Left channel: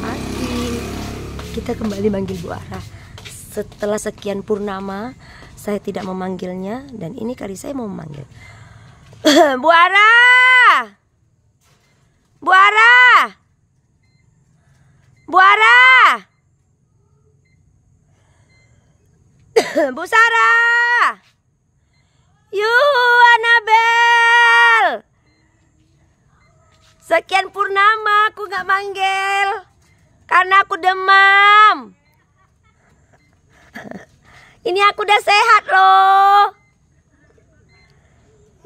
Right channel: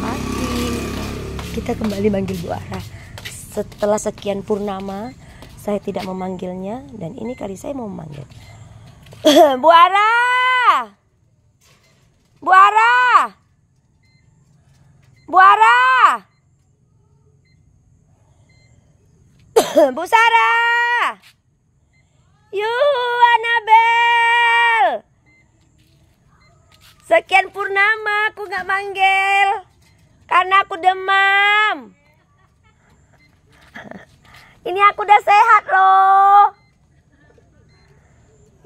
pagi. Kita kembali manggil Bu Ara. Setelah sekian purnama, saya tidak memanggilnya. Dan ini kali saya mau memanggil. Bu Ara! Bu Ara! Bu Ara! Bu Sarah! Yuh, Anabel! Sekian purnama aku gak manggil karena aku demam. Ini aku udah sehat loh.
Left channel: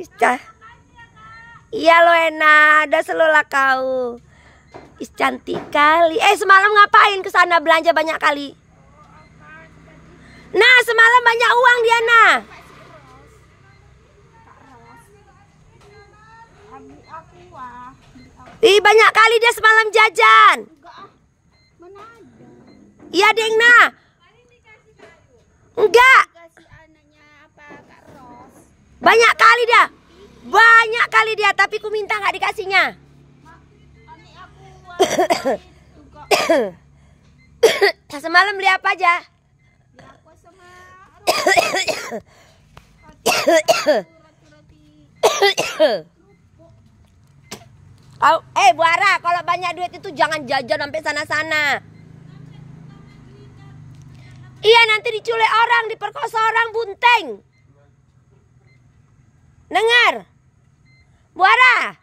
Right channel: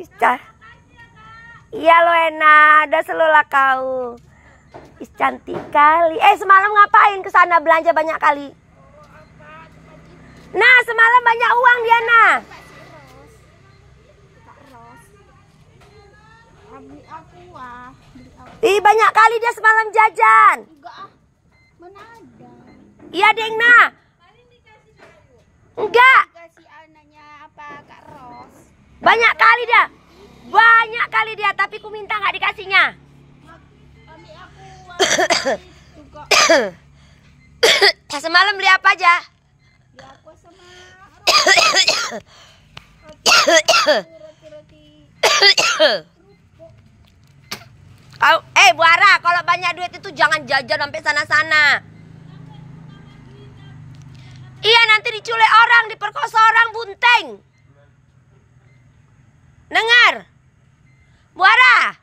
Bisa. Iya lo enak, udah selolah kau. Is cantik kali. Semalam ngapain ke sana belanja banyak kali? Nah, semalam banyak uang dia nah. Ih, banyak kali dia semalam jajan. Mana ada? Iya, Deng nah. Enggak. Kasih anaknya apa Kak Ros? Banyak kali dia. Banyak kali dia, tapi ku minta nggak dikasihnya. Semalam beli apa aja? Bu Ara, kalau banyak duit itu jangan jajan sampai sana-sana. Iya, nanti diculik orang, diperkosa orang, bunting. Dengar? Bu Ara.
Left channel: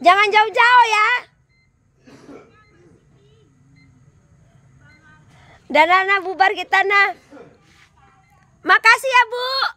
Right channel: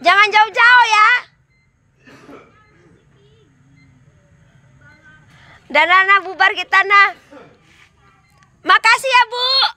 Jangan jauh-jauh ya. Dan anak bubar kita nah. Makasih ya Bu.